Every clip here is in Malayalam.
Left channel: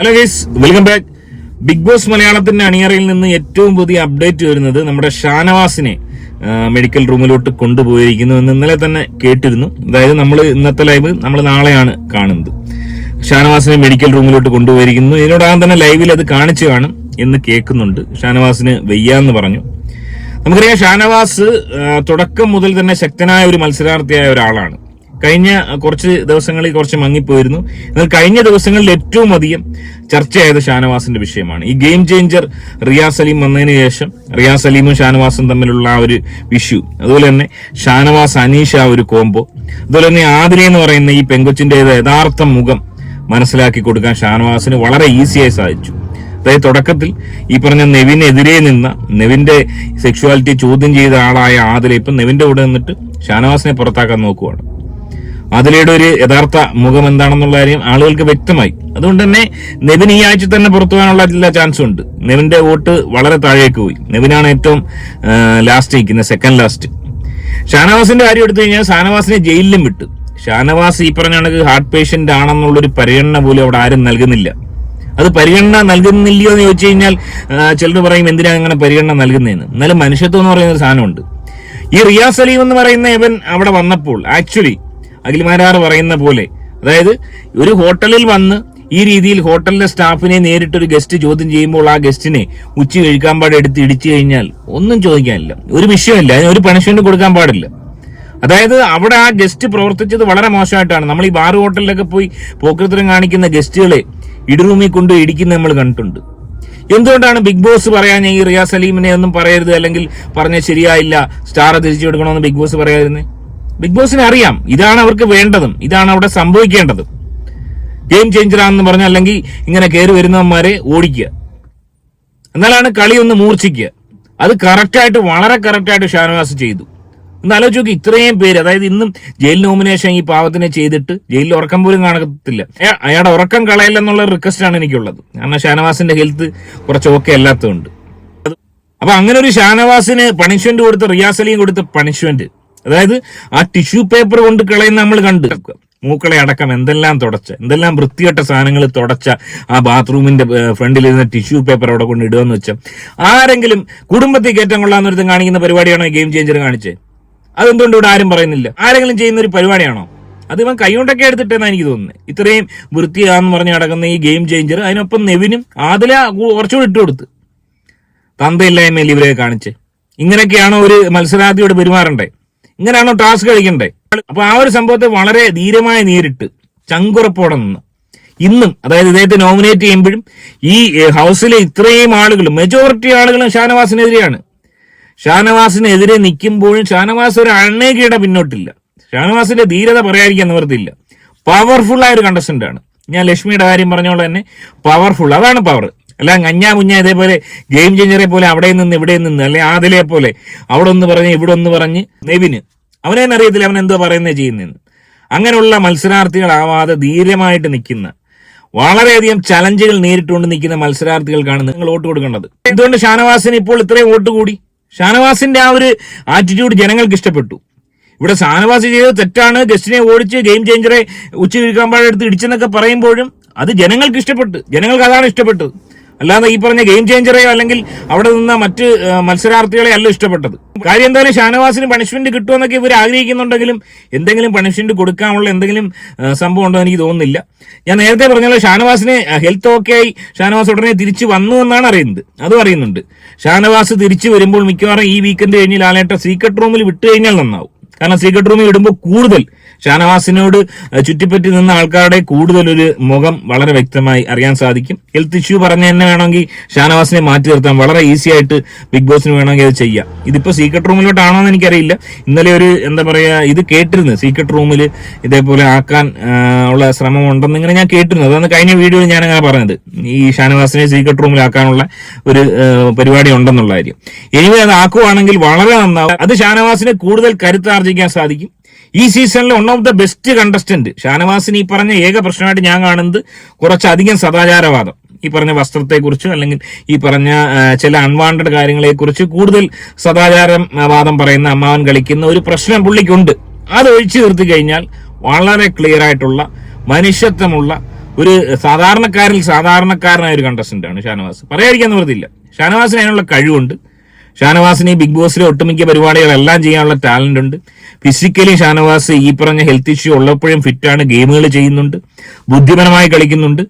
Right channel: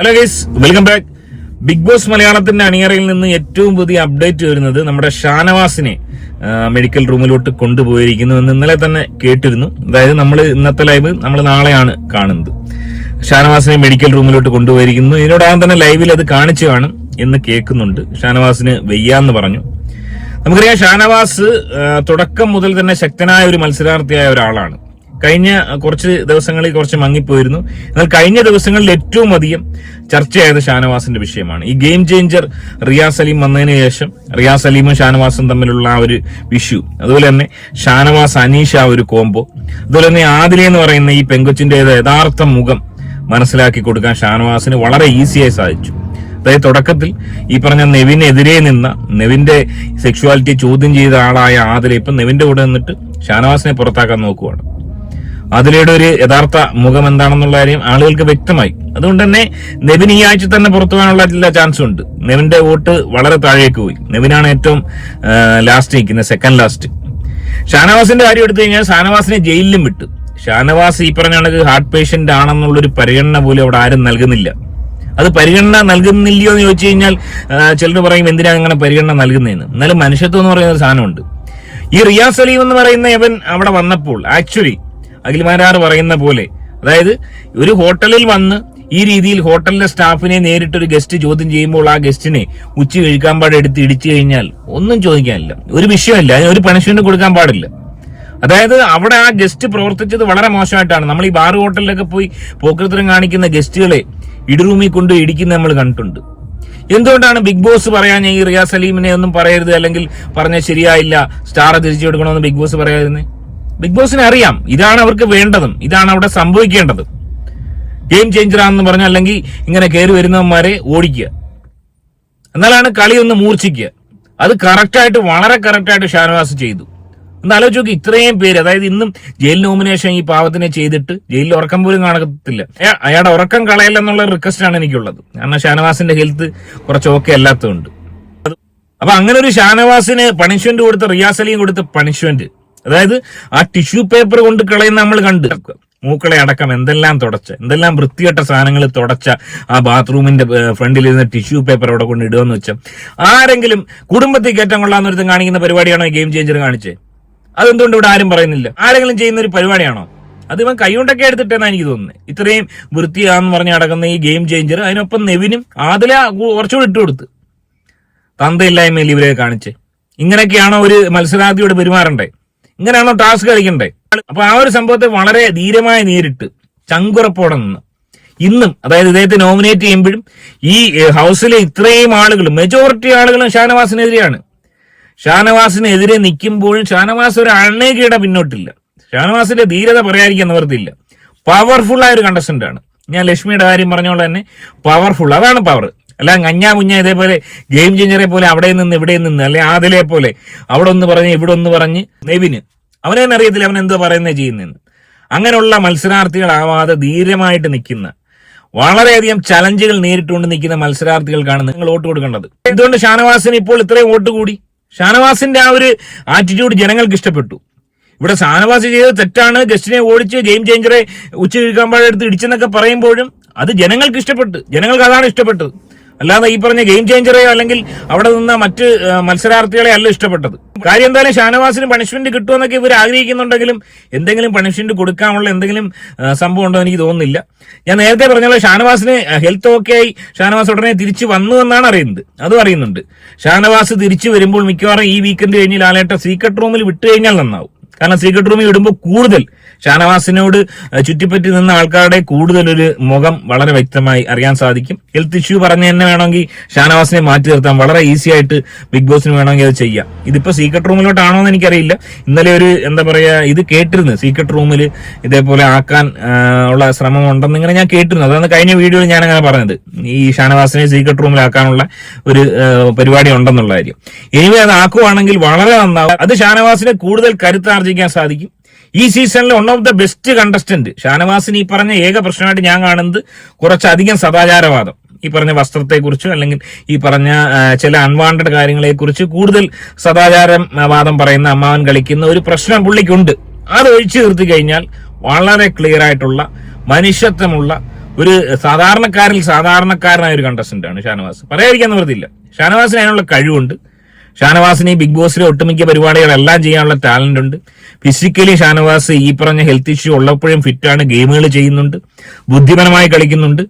Hello guys welcome back Bigg Boss മലയാളത്തിന്റെ അണിയറയിൽ നിന്ന് ഏറ്റവും പുതിയ അപ്ഡേറ്റ് വരുന്നത് നമ്മുടെ ഷാനവാസിനെ മെഡിക്കൽ റൂമിലോട്ട് കൊണ്ടുപോയിരിക്കുന്നു എന്ന് ഇന്നലെ തന്നെ കേട്ടിരുന്നു. അതായത് നമ്മൾ ഇന്നത്തെ ലൈവ് നമ്മൾ നാളെയാണ് കാണുന്നത്. ഷാനവാസിനെ മെഡിക്കൽ റൂമിലോട്ട് കൊണ്ടുപോയിരിക്കുന്നു. ഇതിനോടകം തന്നെ ലൈവിൽ അത് കാണിച്ചു കാണും എന്ന് കേൾക്കുന്നുണ്ട്. ഷാനവാസിന് വയ്യാന്ന് പറഞ്ഞു. നമുക്കറിയാം ഷാനവാസ് തുടക്കം മുതൽ തന്നെ ശക്തനായ ഒരു മത്സരാർത്ഥിയായ ഒരാളാണ്. കഴിഞ്ഞ കുറച്ച് ദിവസങ്ങളിൽ കുറച്ച് മങ്ങിപ്പോയിരുന്നു. എന്നാൽ കഴിഞ്ഞ ദിവസങ്ങളിൽ ഏറ്റവും അധികം ചർച്ചയായത് ഷാനവാസിന്റെ വിഷയമാണ്. ഈ ഗെയിം ചേഞ്ചർ റിയാസ് സലീം വന്നതിന് ശേഷം റിയാസ് സലീമും ഷാനവാസും തമ്മിലുള്ള ആ ഒരു ഇഷ്യൂ അതുപോലെ തന്നെ ഷാനവാസ് അനീഷ് ആ ഒരു കോംബോ അതുപോലെ തന്നെ ആദില എന്ന് പറയുന്ന ഈ പെങ്കൊച്ചിന്റെ യഥാർത്ഥ മുഖം മനസ്സിലാക്കി കൊടുക്കാൻ ഷാനവാസിന് വളരെ ഈസിയായി സാധിച്ചു. അതായത് തുടക്കത്തിൽ ഈ പറഞ്ഞ നെവിനെതിരെ നിന്ന നെവിന്റെ സെക്ഷുവാലിറ്റി ചോദ്യം ചെയ്ത ആളായ ആദില ഇപ്പം നെവിന്റെ കൂടെ നിന്നിട്ട് ഷാനവാസിനെ പുറത്താക്കാൻ നോക്കുവാണ്. ആദിലയുടെ ഒരു യഥാർത്ഥ മുഖം എന്താണെന്നുള്ള കാര്യം ആളുകൾക്ക് വ്യക്തമായി. അതുകൊണ്ട് തന്നെ നെവിൻ ഈ ആഴ്ച തന്നെ പുറത്തു പോകാനുള്ള എല്ലാ ചാൻസും ഉണ്ട്. നെവിന്റെ വോട്ട് വളരെ താഴേക്ക് പോയി. നെവിനാണ് ഏറ്റവും ലാസ്റ്റ് നിൽക്കുന്നത് സെക്കൻഡ് ലാസ്റ്റ് ഷാനവാസിന്റെ കാര്യം എടുത്തു കഴിഞ്ഞാൽ ഷാനവാസിനെ ജയിലിലും വിട്ടു. ഷാനവാസ് ഈ പറഞ്ഞ കണക്ക് ഹാർട്ട് പേഷ്യന്റ് ആണെന്നുള്ള ഒരു പരിഗണന പോലും അവിടെ ആരും നൽകുന്നില്ല. അത് പരിഗണന നൽകുന്നില്ലയോ എന്ന് ചോദിച്ചു കഴിഞ്ഞാൽ ചിലർ പറയും എന്തിനാ അങ്ങനെ പരിഗണന നൽകുന്നതെന്ന്. എന്നാലും മനുഷ്യത്വം എന്ന് പറയുന്ന ഒരു സാധനമുണ്ട്. ഈ റിയാസ് സലീം എന്ന് പറയുന്ന ഇവൻ അവിടെ വന്നപ്പോൾ ആക്ച്വലി അഖിൽമാരാർ പറയുന്ന പോലെ. അതായത് ഒരു ഹോട്ടലിൽ വന്ന് ഈ രീതിയിൽ ഹോട്ടലിലെ സ്റ്റാഫിനെ നേരിട്ട് ഒരു ഗസ്റ്റ് ചോദ്യം ചെയ്യുമ്പോൾ ആ ഗസ്റ്റിനെ ഉച്ച കഴിക്കാൻ പാടെ എടുത്ത് ഇടിച്ചു കഴിഞ്ഞാൽ ഒന്നും ചോദിക്കാനില്ല. ഒരു വിഷയമല്ല അതിന് ഒരു പണിഷ്മെന്റ് കൊടുക്കാൻ പാടില്ല. അതായത് അവിടെ ആ ഗസ്റ്റ് പ്രവർത്തിച്ചത് വളരെ മോശമായിട്ടാണ്. നമ്മൾ ഈ ബാർ ഹോട്ടലിലൊക്കെ പോയി പോക്കൃത്തരം കാണിക്കുന്ന ഗസ്റ്റുകളെ ഇടിറൂമിൽ കൊണ്ട് ഇടിക്കുന്ന നമ്മൾ കണ്ടിട്ടുണ്ട്. എന്തുകൊണ്ടാണ് ബിഗ് ബോസ് പറയാൻ ഈ റിയാസ് സലീമിനെ ഒന്നും പറയരുത് അല്ലെങ്കിൽ പറഞ്ഞ ശരിയായില്ല സ്റ്റാർ തിരിച്ചു കൊടുക്കണമെന്ന് ബിഗ് ബോസ് പറയാതിരുന്നേ? ബിഗ് ബോസിന് അറിയാം. ഇതാണ് അവർക്ക് വേണ്ടതും. ഇതാണ് അവിടെ സംഭവിക്കേണ്ടതും. ഗെയിം ചേഞ്ചറാണെന്ന് പറഞ്ഞ അല്ലെങ്കിൽ ഇങ്ങനെ കയറി വരുന്നവന്മാരെ ഓടിക്കുക. എന്നാലാണ് കളി ഒന്ന് മൂർച്ഛിക്കുക. അത് കറക്റ്റായിട്ട് വളരെ കറക്റ്റായിട്ട് ഷാനവാസ് ചെയ്തു. ഒന്ന് ആലോചിച്ച് നോക്കി ഇത്രയും പേര് അതായത് ഇന്നും ജയിൽ നോമിനേഷൻ ഈ പാവത്തിനെ ചെയ്തിട്ട് ജയിലിൽ ഉറക്കം പോലും കാണത്തില്ല. അയാ- അയാളുടെ ഉറക്കം കളയില്ലെന്നുള്ള റിക്വസ്റ്റ് ആണ് എനിക്കുള്ളത്. കാരണം ഷാനവാസിന്റെ ഹെൽത്ത് കുറച്ച് ഓക്കെ അല്ലാത്തതുണ്ട് അപ്പൊ അങ്ങനെ ഒരു ഷാനവാസിന് പണിഷ്മെന്റ് കൊടുത്ത റിയാസലിയും കൊടുത്ത പണിഷ്മെന്റ് അതായത് ആ ടിഷ്യൂ പേപ്പർ കൊണ്ട് കളയുന്ന നമ്മൾ കണ്ട്. മൂക്കളെ അടക്കം എന്തെല്ലാം തുടച്ച എന്തെല്ലാം വൃത്തികെട്ട സാധനങ്ങൾ തുടച്ച ആ ബാത്റൂമിന്റെ ഫ്രണ്ടിൽ ഇരുന്ന ടിഷ്യൂ പേപ്പർ അവിടെ കൊണ്ട് ഇടുകയെന്ന് വെച്ചാൽ ആരെങ്കിലും കുടുംബത്തിൽ കയറ്റം കൊള്ളാന്നൊരുത്തും കാണിക്കുന്ന പരിപാടിയാണോ ഗെയിം ചേഞ്ചർ കാണിച്ചേ? അതെന്തുകൊണ്ട് ഇവിടെ ആരും പറയുന്നില്ല? ആരെങ്കിലും ചെയ്യുന്ന ഒരു പരിപാടിയാണോ? അത് ഇവൻ കൈകൊണ്ടൊക്കെ എടുത്തിട്ടെന്നാണ് എനിക്ക് തോന്നുന്നത് ഇത്രയും വൃത്തിയാന്ന് പറഞ്ഞ് നടക്കുന്ന ഈ ഗെയിം ചേഞ്ചർ അതിനൊപ്പം നെവിനും ആദില കുറച്ചുകൂടി ഇട്ട് കൊടുത്ത്. തന്തയില്ലായ്മയിൽ ഇവരെ കാണിച്ച്. ഇങ്ങനെയൊക്കെയാണോ ഒരു മത്സരാർത്ഥിയോട് പെരുമാറണ്ടേ? ഇങ്ങനെയാണോ ടാസ്ക് കളിക്കണ്ടേ? അപ്പൊ ആ ഒരു സംഭവത്തെ വളരെ ധീരമായി നേരിട്ട് ചങ്കുറപ്പോടെ നിന്ന്. ഇന്നും അതായത് ഇദ്ദേഹത്തെ നോമിനേറ്റ് ചെയ്യുമ്പോഴും ഈ ഹൗസിലെ ഇത്രയും ആളുകൾ മെജോറിറ്റി ആളുകളും ഷാനവാസിനെതിരെയാണ്. ഷാനവാസിനെതിരെ നിൽക്കുമ്പോഴും ഷാനവാസ് ഒരു അണ്ണേകയുടെ പിന്നോട്ടില്ല. ഷാനവാസിന്റെ ധീരത പറയാതിരിക്കാൻ നിവർത്തിയില്ല. പവർഫുൾ ആയ ഒരു കണ്ടസ്റ്റന്റ് ആണ്. ഞാൻ ലക്ഷ്മിയുടെ കാര്യം പറഞ്ഞോളെ തന്നെ പവർഫുൾ അതാണ് പവർ അല്ല കഞ്ഞാ മുഞ്ഞ ഇതേപോലെ ഗെയിം ചേഞ്ചറെ പോലെ അവിടെ നിന്ന് ഇവിടെ നിന്ന് അല്ലെ ആദിലെ പോലെ അവിടെ ഒന്ന് പറഞ്ഞ് ഇവിടെ ഒന്ന് പറഞ്ഞ് നെവിന്. അവനെ അറിയത്തില്ല അവൻ എന്തോ പറയുന്നത് ചെയ്യുന്നതെന്ന് അങ്ങനെയുള്ള മത്സരാർത്ഥികളാവാതെ ധീരമായിട്ട് നിൽക്കുന്ന വളരെയധികം ചലഞ്ചുകൾ നേരിട്ടുകൊണ്ട് നിൽക്കുന്ന മത്സരാർത്ഥികൾക്കാണ് നിങ്ങൾ വോട്ട് കൊടുക്കേണ്ടത്. എന്തുകൊണ്ട് ഷാനവാസിന് ഇപ്പോൾ ഇത്രയും വോട്ട് കൂടി. ഷാനവാസിന്റെ ആ ഒരു ആറ്റിറ്റ്യൂഡ് ജനങ്ങൾക്ക് ഇഷ്ടപ്പെട്ടു. ഇവിടെ ഷാനവാസ് ചെയ്തത് തെറ്റാണ്. ഗസ്റ്റിനെ ഓടിച്ച് ഗെയിം ചേഞ്ചറെ ഉച്ച കിഴക്കാമ്പാടെടുത്ത് ഇടിച്ചെന്നൊക്കെ പറയുമ്പോഴും അത് ജനങ്ങൾക്ക് ഇഷ്ടപ്പെട്ടു. ജനങ്ങൾക്ക് അതാണ് ഇഷ്ടപ്പെട്ടത്. അല്ലാതെ ഈ പറഞ്ഞ ഗെയിം ചേഞ്ചറെയോ അല്ലെങ്കിൽ അവിടെ നിന്ന മറ്റ് മത്സരാർത്ഥികളെ അല്ല ഇഷ്ടപ്പെട്ടത്. കാര്യം എന്തായാലും ഷാനവാസിന് പണിഷ്മെന്റ് കിട്ടുമെന്നൊക്കെ ഇവർ ആഗ്രഹിക്കുന്നുണ്ടെങ്കിലും എന്തെങ്കിലും പണിഷ്മെന്റ് കൊടുക്കാനുള്ള എന്തെങ്കിലും സംഭവം ഉണ്ടോ എനിക്ക് തോന്നുന്നില്ല. ഞാൻ നേരത്തെ പറഞ്ഞല്ലോ ഷാനവാസിന് ഹെൽത്ത് ഓക്കെ ആയി ഷാനവാസ് ഉടനെ തിരിച്ചു വന്നു എന്നാണ് അറിയുന്നത്. അതും അറിയുന്നുണ്ട്. ഷാനവാസ് തിരിച്ചു വരുമ്പോൾ മിക്കവാറും ഈ വീക്കെൻഡ് കഴിഞ്ഞ് ലാലേട്ട സീക്രട്ട് റൂമിൽ വിട്ടു കഴിഞ്ഞാൽ നന്നാവും. കാരണം സീക്രട്ട് റൂമിൽ ഇടുമ്പോൾ കൂടുതൽ ഷാനവാസിനോട് ചുറ്റിപ്പറ്റി നിന്ന ആൾക്കാരുടെ കൂടുതൽ ഒരു മുഖം വളരെ വ്യക്തമായി അറിയാൻ സാധിക്കും. ഹെൽത്ത് ഇഷ്യൂ പറഞ്ഞു തന്നെ വേണമെങ്കിൽ ഷാനവാസിനെ മാറ്റി നിർത്താം. വളരെ ഈസി ആയിട്ട് ബിഗ് ബോസിന് വേണമെങ്കിൽ അത് ചെയ്യാം. ഇതിപ്പോ സീക്രട്ട് റൂമിലോട്ടാണോ എന്ന് എനിക്കറിയില്ല. ഇന്നലെ ഒരു എന്താ പറയാ ഇത് കേട്ടിരുന്നു. സീക്രട്ട് റൂമിൽ ഇതേപോലെ ആക്കാൻ ഉള്ള ശ്രമം ഉണ്ടെന്ന് ഇങ്ങനെ ഞാൻ കേട്ടിരുന്നു. അതാണ് കഴിഞ്ഞ വീഡിയോയിൽ ഞാൻ അങ്ങനെ പറഞ്ഞത്. ഈ ഷാനവാസിനെ സീക്രട്ട് റൂമിലാക്കാനുള്ള ഒരു പരിപാടി ഉണ്ടെന്നുള്ള കാര്യം. ഇനി അത് ആക്കുവാണെങ്കിൽ വളരെ നന്നാവും. അത് ഷാനവാസിനെ കൂടുതൽ കരുത്താർജിക്കാൻ സാധിക്കും. ഈ സീസണിലെ one of the best contestant ഷാനവാസിന് ഈ പറഞ്ഞ ഏക പ്രശ്നമായിട്ട് ഞാൻ കാണുന്നത് കുറച്ചധികം സദാചാരവാദം. ഈ പറഞ്ഞ വസ്ത്രത്തെക്കുറിച്ച് അല്ലെങ്കിൽ ഈ പറഞ്ഞ ചില അൺവാണ്ടഡ് കാര്യങ്ങളെക്കുറിച്ച് കൂടുതൽ സദാചാരം വാദം പറയുന്ന അമ്മാവൻ കളിക്കുന്ന ഒരു പ്രശ്നം പുള്ളിക്കുണ്ട്. അത് ഒഴിച്ചു നിർത്തി കഴിഞ്ഞാൽ വളരെ ക്ലിയർ ആയിട്ടുള്ള മനുഷ്യത്വമുള്ള ഒരു സാധാരണക്കാരിൽ സാധാരണക്കാരനായ ഒരു കണ്ടസ്റ്റന്റ് ആണ് ഷാനവാസ്. പറയാതിരിക്കാൻ നിവൃത്തിയില്ല. ഷാനവാസിന് അതിനുള്ള കഴിവുണ്ട്. ഷാനവാസിന് ഈ ബിഗ് ബോസിലെ ഒട്ടുമിക്ക പരിപാടികളെല്ലാം ചെയ്യാനുള്ള ടാലന്റ് ഉണ്ട്. ഫിസിക്കലി ഷാനവാസ് ഈ പറഞ്ഞ ഹെൽത്ത് ഇഷ്യൂ ഉള്ളപ്പോഴും ഫിറ്റാണ് ഗെയിമുകൾ ചെയ്യുന്നുണ്ട് ബുദ്ധിപരമായി കളിക്കുന്നുണ്ട്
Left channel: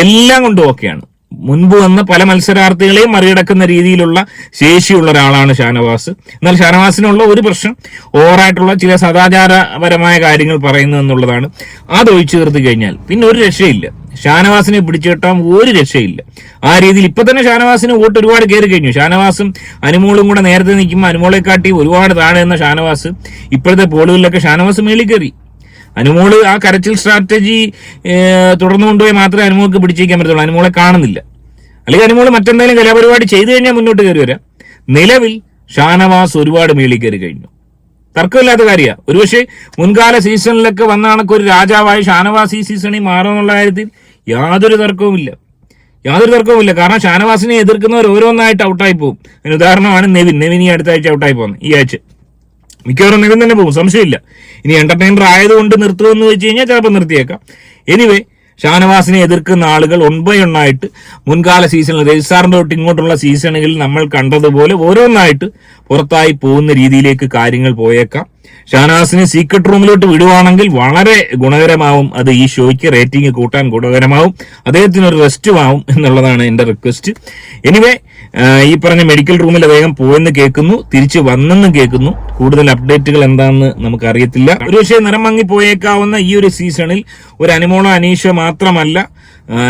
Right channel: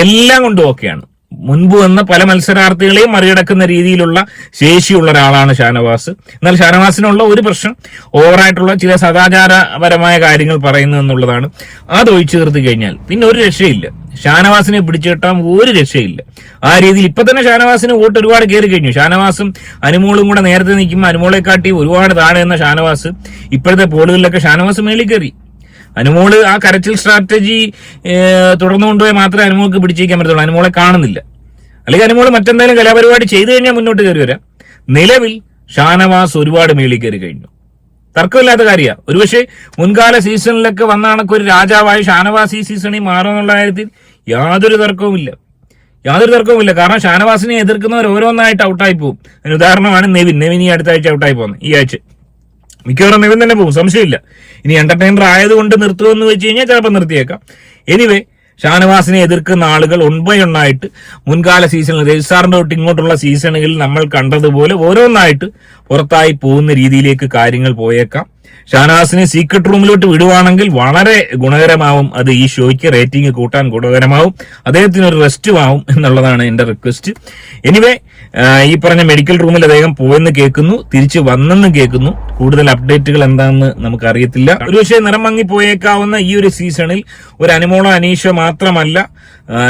എല്ലാം കൊണ്ടും ഓക്കെയാണ് മുൻപ് വന്ന പല മത്സരാർത്ഥികളെയും മറികടക്കുന്ന രീതിയിലുള്ള ശേഷിയുള്ള ഒരാളാണ് ഷാനവാസ്. എന്നാൽ ഷാനവാസിനുള്ള ഒരു പ്രശ്നം ഓവറായിട്ടുള്ള ചില സദാചാരപരമായ കാര്യങ്ങൾ പറയുന്നു എന്നുള്ളതാണ്. അത് ഒഴിച്ചു തീർത്ത് കഴിഞ്ഞാൽ പിന്നെ ഒരു രക്ഷയില്ല. ഷാനവാസിനെ പിടിച്ചു കിട്ടാൻ ഒരു രക്ഷയില്ല. ആ രീതിയിൽ ഇപ്പൊ തന്നെ ഷാനവാസിന് വോട്ട് ഒരുപാട് കയറി കഴിഞ്ഞു. ഷാനവാസും അനുമോളും കൂടെ നേരത്തെ നിൽക്കുമ്പോൾ അനുമോളെ കാട്ടി ഒരുപാട് താഴെ എന്ന ഷാനവാസ് ഇപ്പോഴത്തെ പോളുകളിലൊക്കെ ഷാനവാസ് മേളിൽ കയറി. അനുമോൾ ആ കരച്ചിൽ സ്ട്രാറ്റജി തുടർന്നു കൊണ്ടുപോയി മാത്രമേ അനുമോൾക്ക് പിടിച്ചേക്കാൻ പറ്റത്തുള്ളൂ. അനുമോളെ കാണുന്നില്ല. അല്ലെങ്കിൽ അനുമോൾ മറ്റെന്തെങ്കിലും കലാപരിപാടി ചെയ്തു കഴിഞ്ഞാൽ മുന്നോട്ട് കയറി വരാം. നിലവിൽ ഷാനവാസ് ഒരുപാട് മേളിൽ കയറി കഴിഞ്ഞു. തർക്കമില്ലാത്ത കാര്യമാണ് ഒരുപക്ഷെ മുൻകാല സീസണിലൊക്കെ വന്ന കണക്ക് ഒരു രാജാവായി ഷാനവാസ് ഈ സീസണിൽ മാറുമെന്നുള്ള കാര്യത്തിൽ യാതൊരു തർക്കവുമില്ല. യാതൊരു തർക്കവുമില്ല. കാരണം ഷാനവാസിനെ എതിർക്കുന്നവർ ഓരോന്നായിട്ട് ഔട്ടായി പോകും അതിന് ഉദാഹരണമാണ് നെവിൻ. നെവിൻ ഈ അടുത്ത ആഴ്ച ഔട്ടായി പോകുന്നത്. ഈ ആഴ്ച. മിക്കവാറും നിവൻ തന്നെ പോകും. സംശയമില്ല. ഇനി എന്റർടൈനർ ആയതുകൊണ്ട് നിർത്തുമെന്ന് വെച്ച് കഴിഞ്ഞാൽ ചിലപ്പോൾ നിർത്തിയേക്കാം. എനിവേ ഷാനവാസിനെ എതിർക്കുന്ന ആളുകൾ ഒൺ ബൈ ഒന്നായിട്ട് മുൻകാല സീസണിൽ രജിസ്ട്രാറിന്റെ തൊട്ട് ഇങ്ങോട്ടുള്ള സീസണുകളിൽ നമ്മൾ കണ്ടതുപോലെ ഓരോന്നായിട്ട് പുറത്തായി പോകുന്ന രീതിയിലേക്ക് കാര്യങ്ങൾ പോയേക്കാം. ഷാനവാസിനെ സീക്രട്ട് റൂമിലോട്ട് വിടുവാണെങ്കിൽ വളരെ ഗുണകരമാവും. അത് ഈ ഷോയ്ക്ക് റേറ്റിംഗ് കൂട്ടാൻ ഗുണകരമാവും. അദ്ദേഹത്തിന് ഒരു റെസ്റ്റും ആവും എന്നുള്ളതാണ് എന്റെ റിക്വസ്റ്റ് എനിവേ ഈ പറഞ്ഞ മെഡിക്കൽ റൂമിൽ അദ്ദേഹം പോയെന്ന് കേൾക്കുന്നു തിരിച്ചു വന്നെന്ന് കേൾക്കുന്നു. കൂടുതൽ അപ്ഡേറ്റുകൾ എന്താണെന്ന് നമുക്ക് അറിയത്തില്ല ഒരു പക്ഷേ നിറം മങ്ങി പോയേക്കാവുന്ന ഈ ഒരു സീസണിൽ ഒരു അനുമോളോ അനീഷ മാത്രമല്ല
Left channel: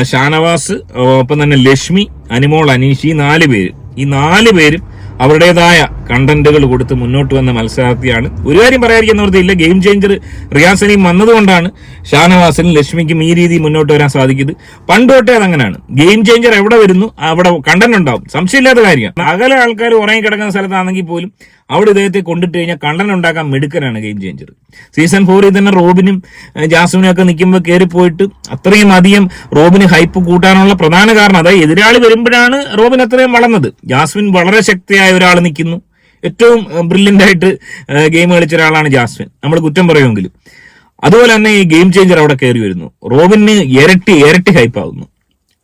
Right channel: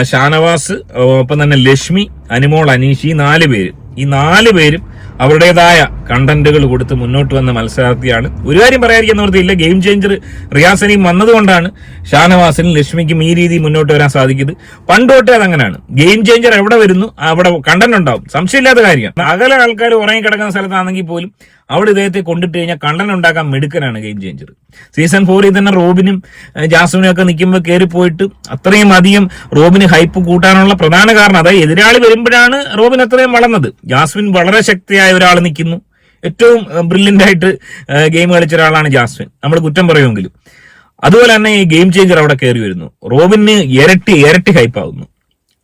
ഷാനവാസ് ഒപ്പം തന്നെ ലക്ഷ്മി അനുമോൾ അനീഷ് ഈ നാല് പേര്. ഈ നാല് പേരും അവരുടേതായ കണ്ടന്റുകൾ കൊടുത്ത് മുന്നോട്ട് വന്ന മത്സരാർത്ഥിയാണ്. ഒരു കാര്യം പറയാതിരിക്കാൻ നിർത്തിയില്ല ഗെയിം ചേഞ്ചർ റിയാസനിയും വന്നതുകൊണ്ടാണ് ഷാനവാസിനും ലക്ഷ്മിക്കും ഈ രീതി മുന്നോട്ട് വരാൻ സാധിക്കുന്നത്. പണ്ടോട്ടേ അതങ്ങനെയാണ് ഗെയിം ചേഞ്ചർ എവിടെ വരുന്നു? അവിടെ കണ്ടന്റ് ഉണ്ടാവും. സംശയമില്ലാത്ത കാര്യമാണ്. അകലെ ആൾക്കാർ ഉറങ്ങി കിടക്കുന്ന സ്ഥലത്താണെങ്കിൽ പോലും അവിടെ ഇദ്ദേഹത്തെ കൊണ്ടിട്ട് കഴിഞ്ഞാൽ കണ്ടൻ ഉണ്ടാക്കാൻ മെടുക്കനാണ് ഗെയിം ചേഞ്ചർ സീസൺ ഫോറിൽ തന്നെ റോബിനും ജാസ്മിനും ഒക്കെ നിൽക്കുമ്പോൾ കയറിപ്പോയിട്ട് അത്രയും അധികം റോബിന് ഹൈപ്പ് കൂട്ടാനുള്ള പ്രധാന കാരണം അതായത് എതിരാളി വരുമ്പോഴാണ് റോബിൻ അത്രയും വളർന്നത്. ജാസ്മിൻ വളരെ ശക്തിയായ ഒരാൾ നിൽക്കുന്നു. ഏറ്റവും ബ്രില്യന്റ് ആയിട്ട് ഗെയിം കളിച്ച ഒരാളാണ് ജാസ്മിൻ. നമ്മൾ കുറ്റം പറയുമെങ്കിലും. അതുപോലെ തന്നെ ഈ ഗെയിം ചേഞ്ചർ അവിടെ കയറി വരുന്നു. റോബിന് ഇരട്ടി ഇരട്ടി ഹൈപ്പ് ആവുന്നു.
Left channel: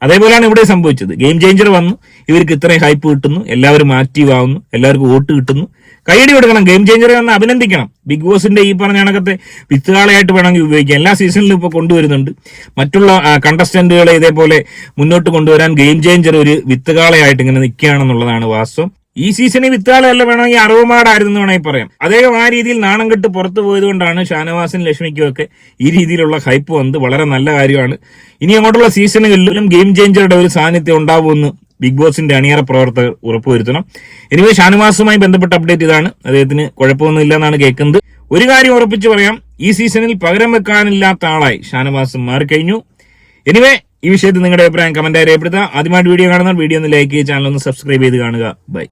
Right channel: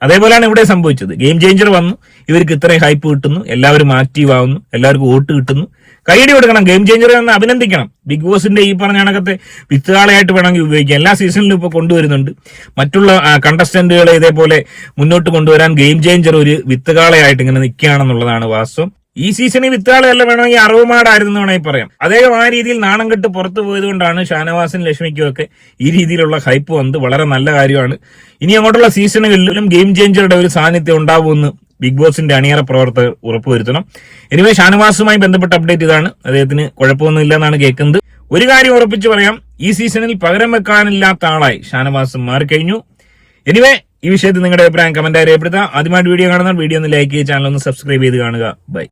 അതേപോലെയാണ് ഇവിടെ സംഭവിച്ചത്. ഗെയിം ചേഞ്ചർ വന്നു. ഇവർക്ക് ഇത്രയും ഹൈപ്പ് കിട്ടുന്നു. എല്ലാവരും ആക്റ്റീവ് ആവുന്നു. എല്ലാവർക്കും വോട്ട് കിട്ടുന്നു. കൈയടി കൊടുക്കണം ഗെയിം ചേഞ്ചറെ ഒന്ന് അഭിനന്ദിക്കണം. ബിഗ് ബോസിന്റെ ഈ പറഞ്ഞ കണക്കത്തെ വിത്തുകാളയായിട്ട് വേണമെങ്കിൽ ഉപയോഗിക്കാം. എല്ലാ സീസണിലും ഇപ്പോൾ കൊണ്ടുവരുന്നുണ്ട്. മറ്റുള്ള കണ്ടസ്റ്റന്റുകളെ ഇതേപോലെ മുന്നോട്ട് കൊണ്ടുവരാൻ ഗെയിം ചേഞ്ചർ ഒരു വിത്തുകാളയായിട്ട് ഇങ്ങനെ നിൽക്കുകയാണെന്നുള്ളതാണ് വാസ്തവം. ഈ സീസണിൽ വിത്താളല്ല വേണമെങ്കിൽ അറവുമാടായിരുന്നു വേണമെങ്കിൽ പറയാം. അദ്ദേഹം ആ രീതിയിൽ നാണം കെട്ട് പുറത്തു പോയതുകൊണ്ടാണ് ഷാനവാസിനും ലക്ഷ്മിക്കും ഒക്കെ ഈ രീതിയിലുള്ള ഹൈപ്പ് വന്നത്. വളരെ നല്ല കാര്യമാണ്. ഇനി അങ്ങോട്ടുള്ള സീസണുകളിലും ഗെയിം ചേഞ്ചറുടെ ഒരു സാന്നിധ്യം ഉണ്ടാവുമെന്ന് ബിഗ് ബോസിന്റെ അണിയറ പ്രവർത്തകർ ഉറപ്പുവരുത്തണം. എനിവേ ഷാനവാസുമായി ബന്ധപ്പെട്ട അപ്ഡേറ്റ് ഇതാണ്. അദ്ദേഹത്തിന് കുഴപ്പമൊന്നും എന്നാണ് കേൾക്കുന്നത്. ഒരു കാര്യം ഉറപ്പിച്ച് പറയാം. ഈ സീസണിൽ പകരം വെക്കാനില്ലാത്ത ആളായി ഷാനവാസ് മാറിക്കഴിഞ്ഞു. എനിവേ ഈ വിഷയത്തിൽ നിങ്ങളുടെ അഭിപ്രായം കമന്റായി രേഖപ്പെടുത്താം ആദ്യമായിട്ട് വീഡിയോ കാണുന്ന വീഡിയോ ഒന്ന് ലൈക്ക് ചെയ്ത് ചാനൽ ഒന്ന് സബ്സ്ക്രൈബ് ചെയ്ത് കാണുക. ബൈ